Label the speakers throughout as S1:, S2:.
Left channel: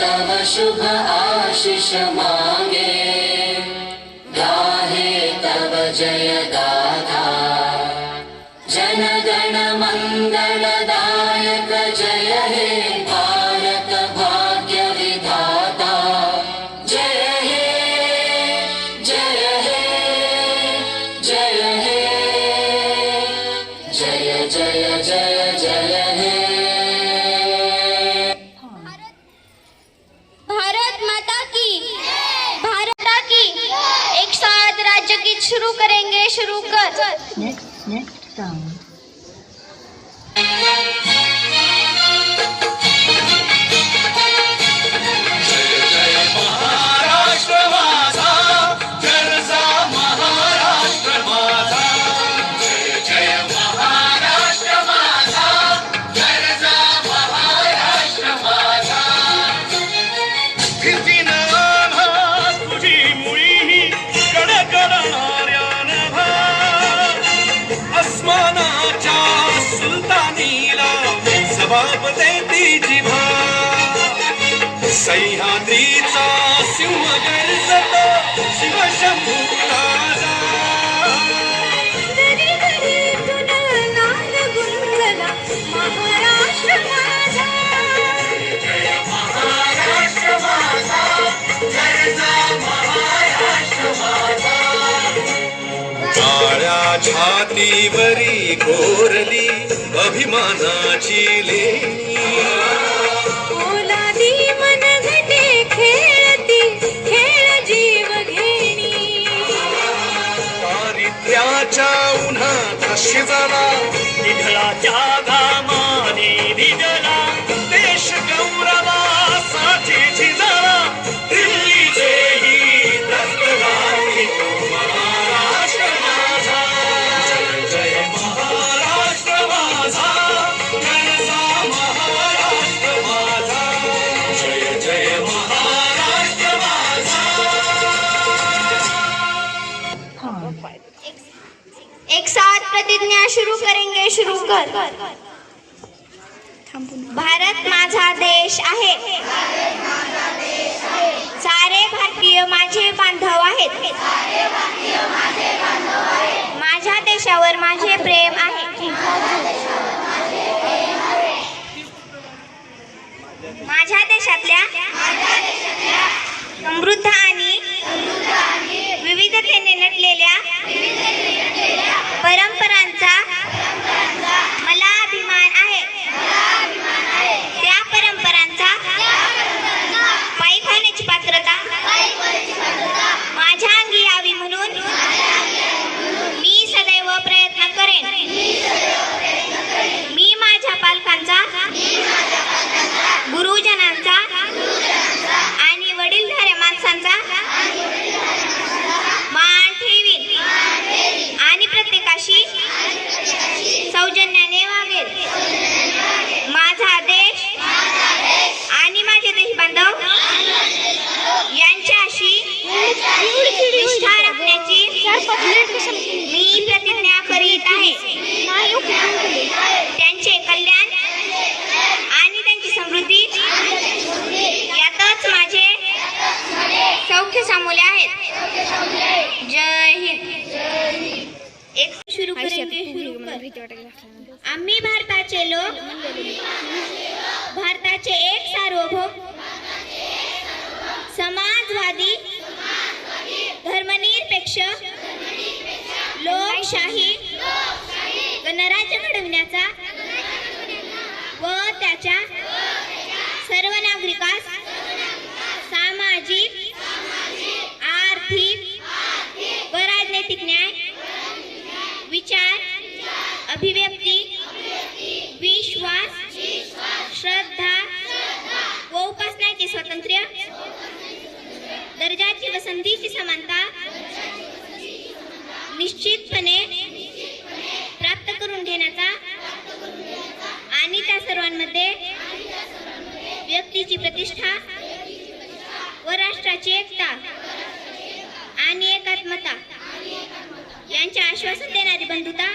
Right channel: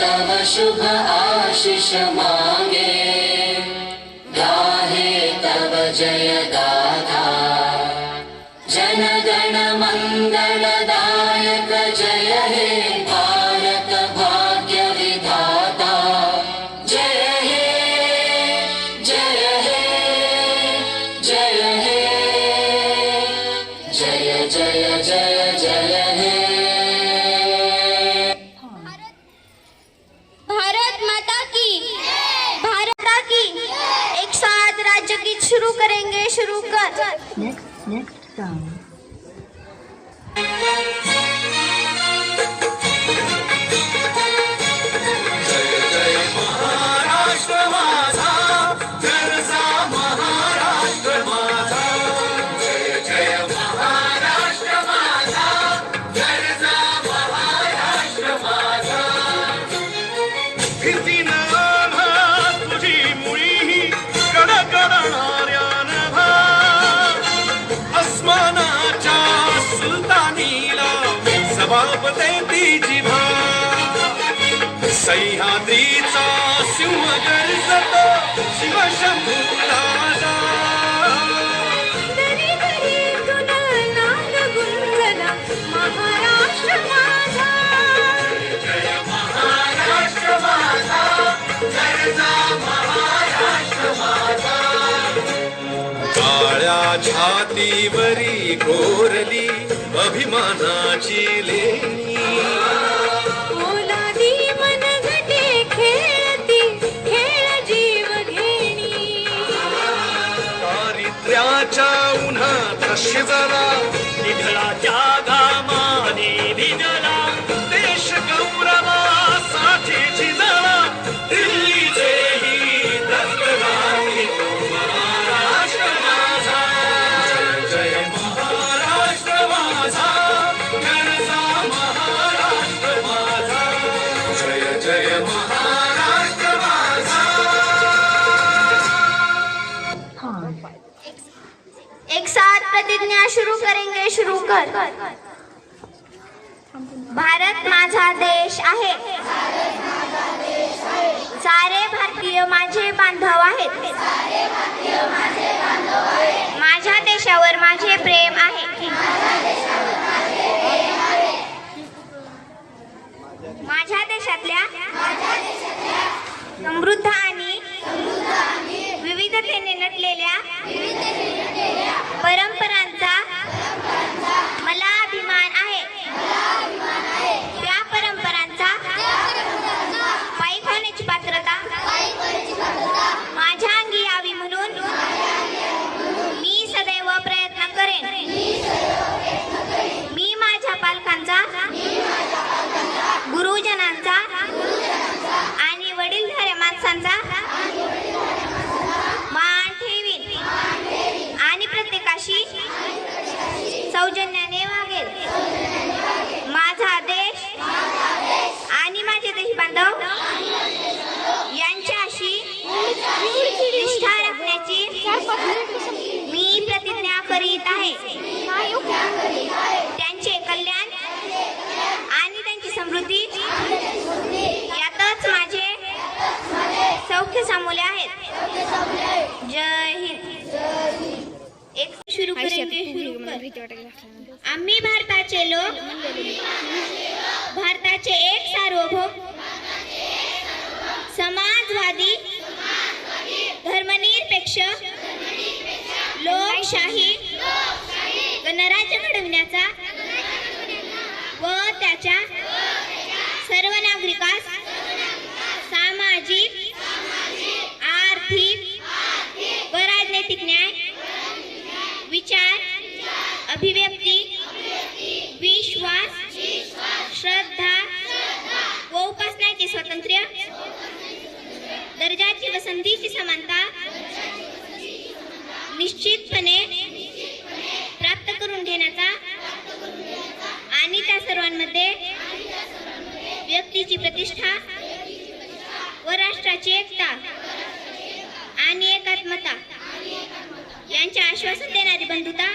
S1: तव शुभ आशीष मांगे गाहे तव जय गाथा
S2: सुलतानीला सभापते देती जिभा सह्याद्रीचा सिंह गर्जत शिवशंभू छातीवरी कोरली अभिमानाची लेणी.
S3: ओलादी मन घटे खेळती खेळ जीव घेणी.
S2: दारिद्र्याच्या उन्हात शिजला निधळाच्या
S3: भारतीय माझे बांधव आहेत. माझ्या देशावर माझे प्रेम आहे. माझ्या देशातल्या समृद्ध आणि विविधतेने नटलेल्या परंपरांचा मला अभिमान आहे त्या परंपरांचा पायी खाण्याची पात्रता माझ्या अंगी यावी म्हणून मी सदैव प्रयत्न करेन मी माझ्या पालकांचा गुरुजनांचा आणि वडीलधाऱ्या माणसांचा मान ठेवीन आणि प्रत्येकाशी सौजन्याने वागेल माझा देश आणि माझे देश बांधव यांच्याशी निष्ठा राखण्याची मी प्रतिज्ञा करीत आहे त्यांचे कल्याण आणि त्यांची समृद्धी यातच माझे सौख्य सामोले आहेत जय हिंद एक सुरू करेंगे शुरू कर. आम्ही भारताचे लोक भारताचे एक सार्वभौम समाजवादी धर्मनिरपेक्ष लोकशाही गणराज्य घडविण्याचा व त्याच्या सर्व नागरिकास अभिव्यक्ती विश्वास श्रद्धा व उपासनाचे स्वातंत्र्य दर्जाची व संधीची समानता निश्चितपणे प्राप्त करून घेण्याचा आणि त्या सर्वांमध्ये व्यक्तीची प्रतिष्ठा व राष्ट्राची एकता आणि एकात्मता यांचे आश्वासन देणारी बंधुता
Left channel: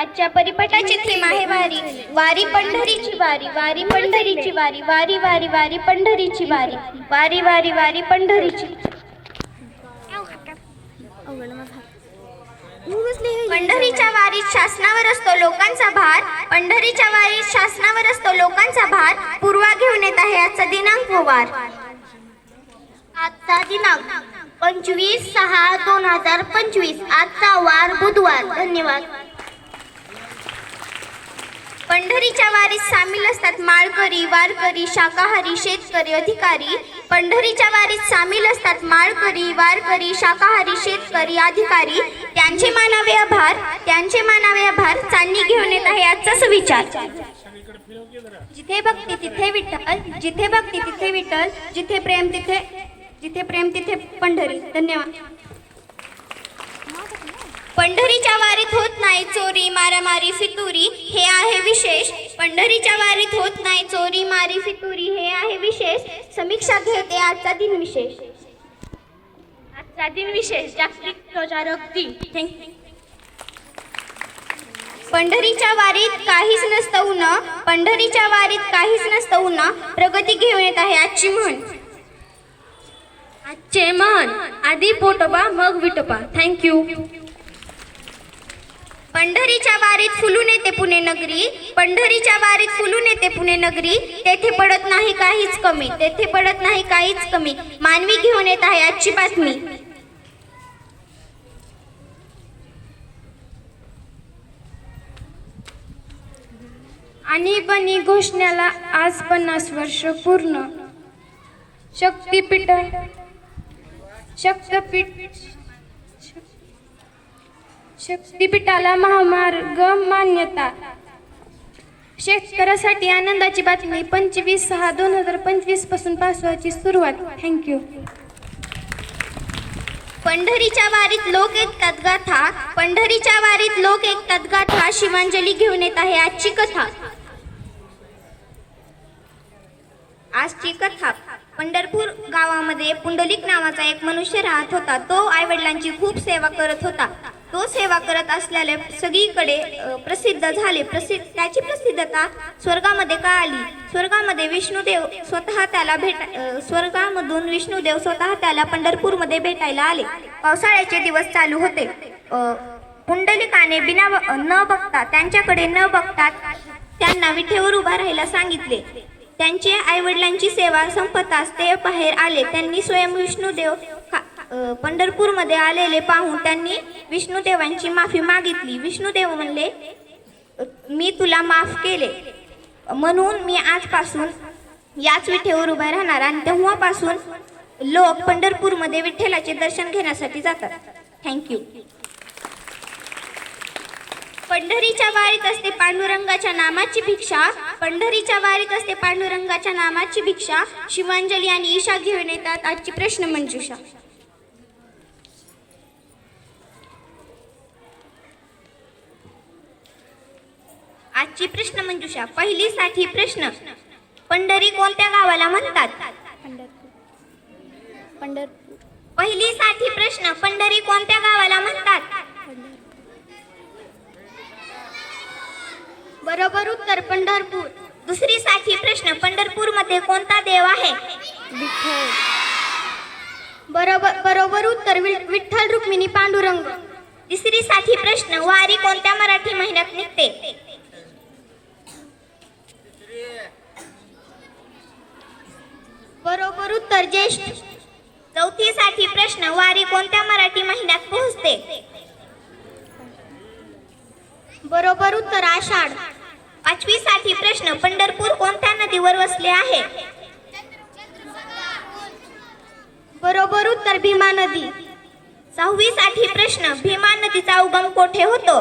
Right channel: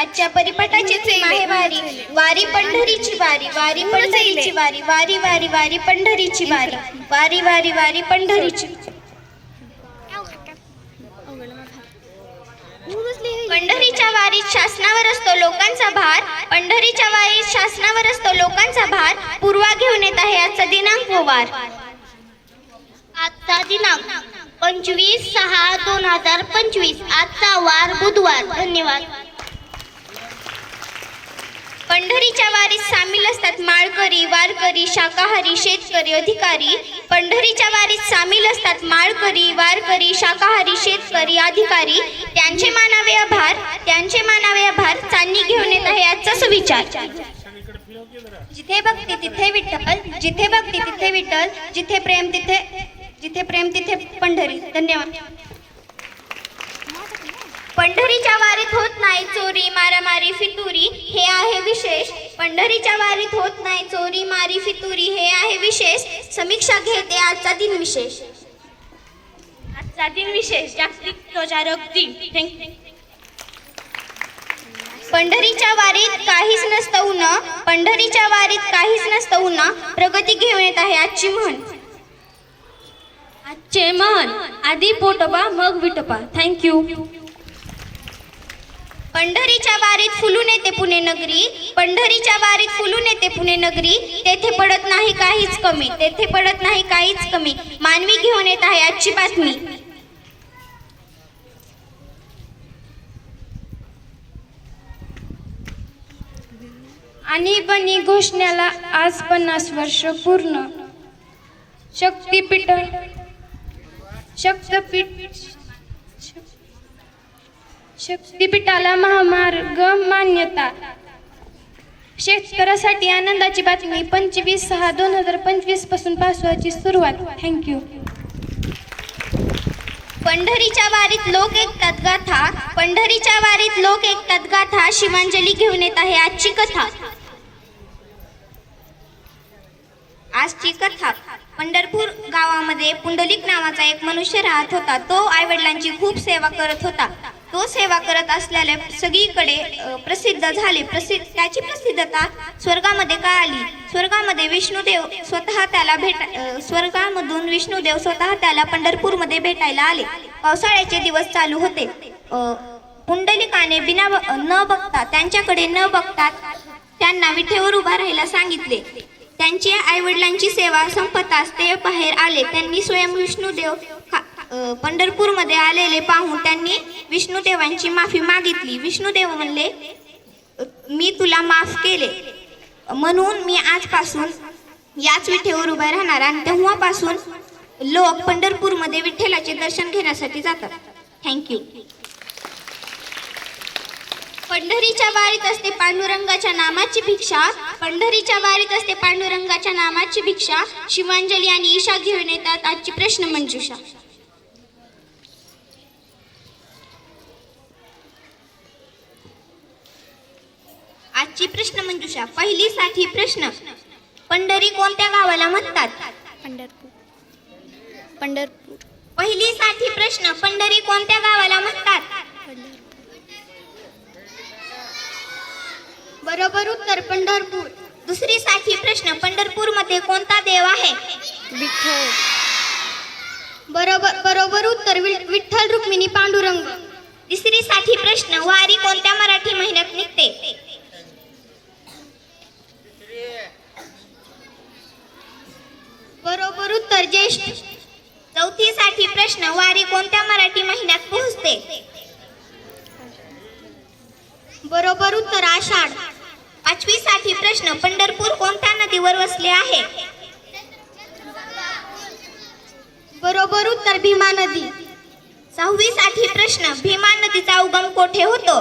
S3: आजच्या परिपाठाची वारी. वारी पंढरीची वारी. वारी पंढरीची वारी. वारी वारी वारी पंढरीची वारी. वारी वारी वारी पंढरीची. पंढरीच्या वारीत शासनावर असतो लोकांचा भार. पंढरीच्या वारीत शासनावर असतो लोकांचा भार. पूर्वा घेऊन येत आहे आजचा दिनांक व वार. आजचा दिनांक पंचवीस सहा दोन हजार पंचवीस. आजचा वार बुधवार. धन्यवाद. पंढरीच्या वारीत सामील असतात माळकरी वारकरी शाकाहारी शेतकरी अधिकारी. पंढरीच्या वारीत सामील असतात माळकरी वारकरी शाकाहारी शेतकरी अधिकारी. त्यांचे मानावे आभार. त्यांचे मानावे आभार. चांदणी घेऊन येत आहे आजचा सुविचार. जिथे भक्ती तिथे विठ्ठल. जिथे भक्ती तिथे विठ्ठल. जिथे प्रेम तिथे जिथे प्रेम तिथे पंढरी. धन्यवाद. पंढरीच्या वारीत होत नाही चोरी मारामारी फितुरी हे आहे विशेष. पंढरीच्या वारीत होत नाही चोरी मारी फितुरी हे आहे विशेष. समीक्षा घेते आजचा दिन विशेष. आजचा दिन विशेष जागतिक ध्वजारोहक दिन थँक्यू पंढरीच्या वारीत काहीच नसतं उन पंढरीच्या वारीत काहीच नसतं उन प्रगती घेऊन येत आहे आजची म्हण. आजचे म्हण. आधी पोटोबा मग विटोबा. थँक्यू पंढरीच्या वारीत फुलून येते पुणे नगरी. पंढरीच्या वारीत फुलून येते पुणे नगरी. तेथे पडत नाही काहीच कमी. तेथे पडत नाही काहीच कमी. मानवी घेऊन येत आहे आजची बातमी.
S4: आणि बनी घोषणाला आज पन्नास वर्ष पूर्ण. शक्तीपीठ शक्तपीठ शक्तीपीठाला महामार्ग मान्यता. शेतकऱ्यासाठी आनंदाची बातमी पंचवीस सहा दोन हजार पंचवीसपासून पावसाची सुरुवात. थँक्यू
S3: पंढरीच्या वारीत लोक ऐकतात गाथा. पंढरीच्या वारीत लोक ऐकतात गाथा. शिवांजली घेऊन येत आहे आजची कथा. आजची कथा. पंढरपूर गावामध्ये पुंडलिक नावाचा एक मनुष्य राहत होता. तो आई वडिलांची खूप सेवा करत होता. तो सेवा करत असल्याने सगळीकडे प्रसिद्ध झाले. प्रसिद्ध त्याची प्रसिद्धता स्वर्गामध्ये का आली? स्वर्गामध्ये विष्णुदेव स्वतः त्याला भेट स्वर्गामधून विष्णुदेव स्वतः त्याला पंढरपूरमध्ये भेटायला आले. पावसाळ्याचे दिवस चालू होते. पुंडलिकाने बिना ब- न बघता त्यांच्याकडे न बघता त्यांना विठेवर उभा राहायला सांगितले. त्यांचे आई वडिलांची सेवा संपताच ते बाहेर आले. त्यांनी स्वयं विष्णुदेव पंढरपूरमध्ये आलेले पाहून त्यांनी विष्णुदेवांची माफी मागितली. विष्णुदेव म्हणले मी तुला माफ केले. म्हणून मी आजपासून याच विठेवर उभा राहणार आणि तेव्हापासून लोक पंढरपूरमध्ये विठ्ठलाचे दर्शन घेण्यासाठी जातात. थँक्यू पंढरीच्या वारीत असते पांडुरंगाच्या नामाची भिक्षा. पंढरीच्या वारीत असते पांडुरंगाच्या नामाची भिक्षा. शिवांजली आणि ईशा घेऊन येतात. आजची प्रश्न मंजुषा. आजची प्रश्न मंजुषा पहिली साठी प्रश्न. पंढरी कोणत्या गावाला म्हणतात?
S4: पंढरपूर. पंढरपूर.
S3: पहिली साठी प्रश्न पंढरी कोणत्या गावाला म्हणतात? बरोबर उत्तर पंढरपूर. दुसरी साठी प्रश्न पंढरपूरमध्ये कोणता देव आहे?
S4: विठ्ठल.
S3: बरोबर बरोबर उत्तर विठ्ठल रुक्मिणी पांडुरंग. तिसरी साठी प्रश्न वारी कोणत्या मराठी महिन्यात निघते? बरोबर उत्तर ज्येष्ठ. चौथीसाठी प्रश्न वारी कोणत्या मराठी महिन्यात पोहोचते? बरोबर उत्तर आषाढ. पाचवी साठी प्रश्न पंढरपूर कोणत्या नदीवर वसले आहे? बरोबर उत्तर भीमा नदी. सहावी साठी प्रश्न भीमा नदीचा उगम कोठे होतो?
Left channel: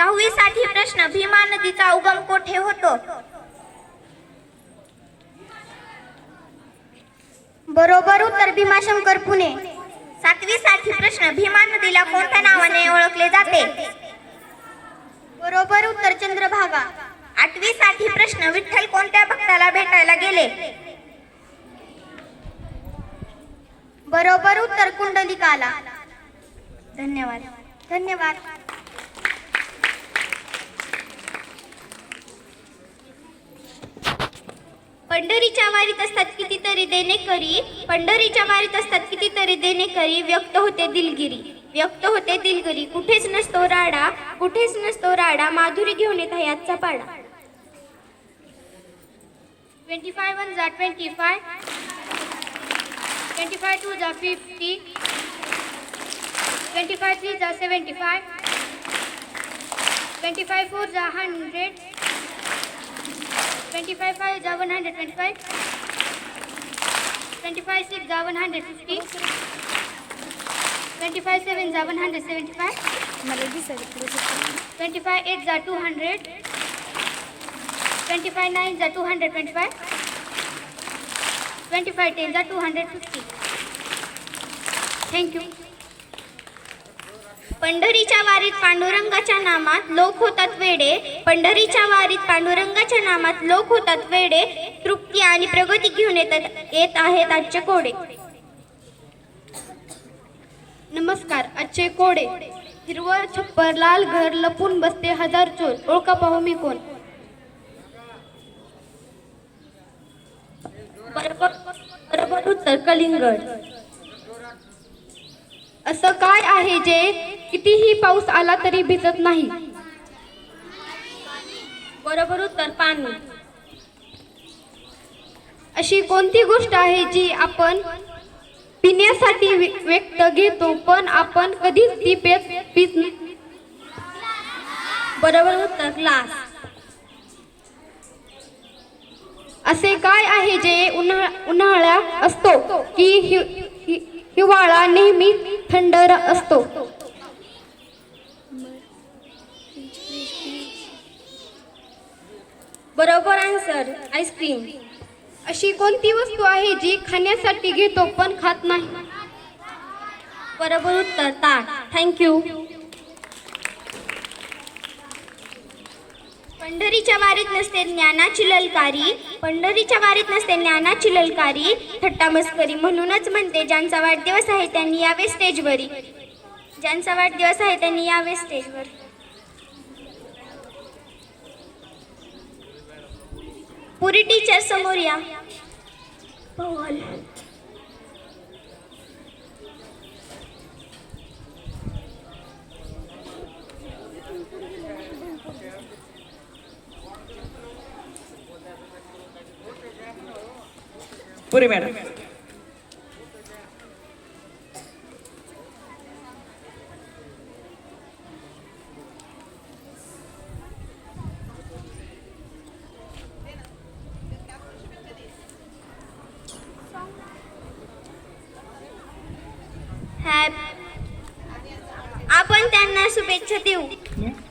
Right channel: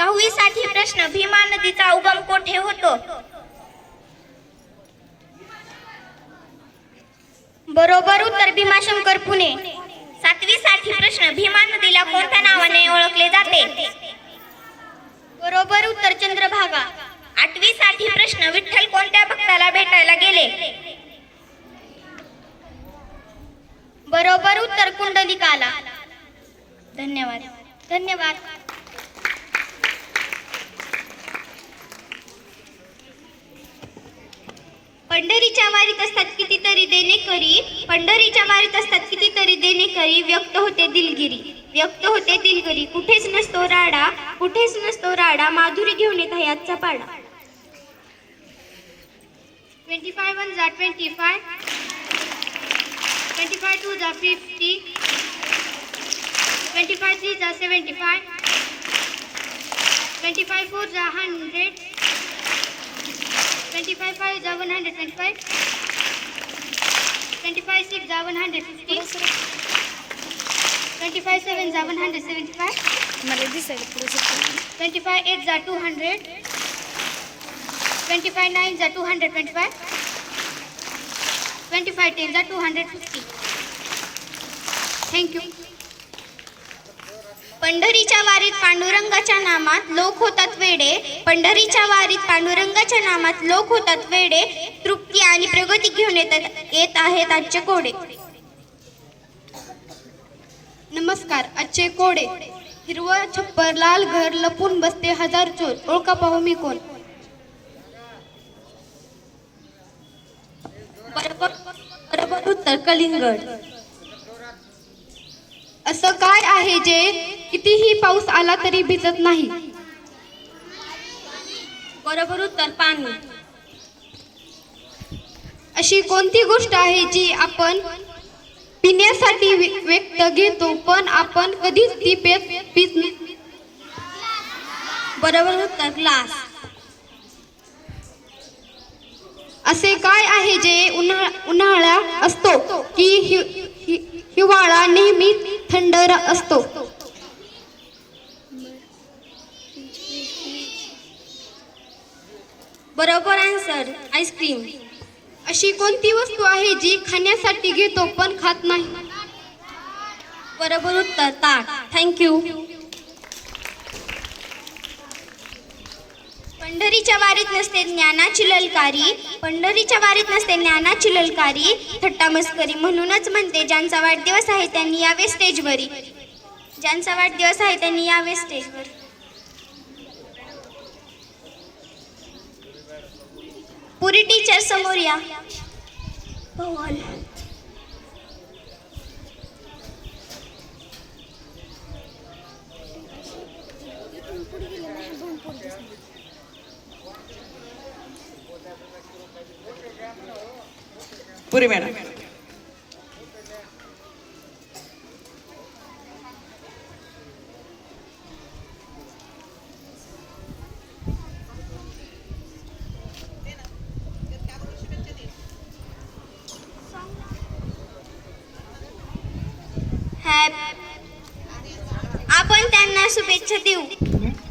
S3: सहावी साठी प्रश्न भीमा नदीचा उगम कोठे होतो? बरोबर उत्तर भीमाशंकर पुणे. सातवी साठी प्रश्न भीमा नदीला कोणत्या नावाने ओळखले जाते? बरोबर उत्तर चंद्रभागा. आठवी साठी प्रश्न विठ्ठल कोणत्या भक्ताला भेटायला गेले? बरोबर उत्तर कुंडलिकाला. धन्यवाद. धन्यवाद. पंढरीच्या मारीत असतात कितीतरी देणेकरी पंढरीच्या मारीत असतात कितीतरी देणेकरी व्यक्त होते दिलगिरी. व्यक्त होते दिलगिरी. कुठेच नसतो राडा. कुठेच नसतो राडा. माधुरी घेऊन येत आहे आजचा पाडा. ट्वेंटी फाय वन जा twenty five twenty five two जा फिफ्टी ट्वेंटी फाय थ्री जा seventy five twenty five four जा हंड्रेड 25 5 are 125. 25 6 are 150. 25 7 are 175.
S4: मला दिसायला
S3: पुढे 25 8 are 200. 25 9 are 225. 25 10 are 250. Thank you. पंढरीच्या वारीत पांडुरंगाच्या नामात लोक होतात वेडे. पंढरीच्या वारीत पांडुरंगाच्या नामात लोक होतात वेडे. तृप्ती आणि प्रगती घेऊन येतात येत आहेत आजचे कोडे. नमस्कार आजचे कोडे. हिरवं छप्पर लाल घर लपून बसते हजार चोर. ओळखा पाहू मी कोण? बरोबर बरोबर उत्तर कलिंगड. असं काय आहे जे कितीही पाऊस आला तरी भिजत नाही? बरोबर उत्तर पाणी. अशी कोणती गोष्ट आहे जी आपण पिण्यासाठी व्यक्त घेतो पण आपण कधीच ती पेत पित बरोबर उत्तर ग्लास. असे काय आहे जे उन्हाळा उन्हाळा असतो की हिवाळा नेहमी थंड असतो. बरोबर आन्सर आईस्क्रीम अशी कोणती वस्तू आहे जी खाण्यासाठी घेतो पण खात नाही? बरोबर उत्तर ताट थँक्यू पंढरीच्या वारीत नसते ज्ञानाची ललकारी. पंढरीच्या वारीत नसते ज्ञानाची ललकारी. थट्टा मस्करी म्हणूनच म्हणते ज्यांचा वाढदिवस आहे त्यांनी यावे स्टेजवरी ज्यांचा वाढदिवस आहे त्यांनी यावे स्टेजवर पुरी टीचर समोर या. हो, शुभेच्छा देऊ
S5: Next song. Pause.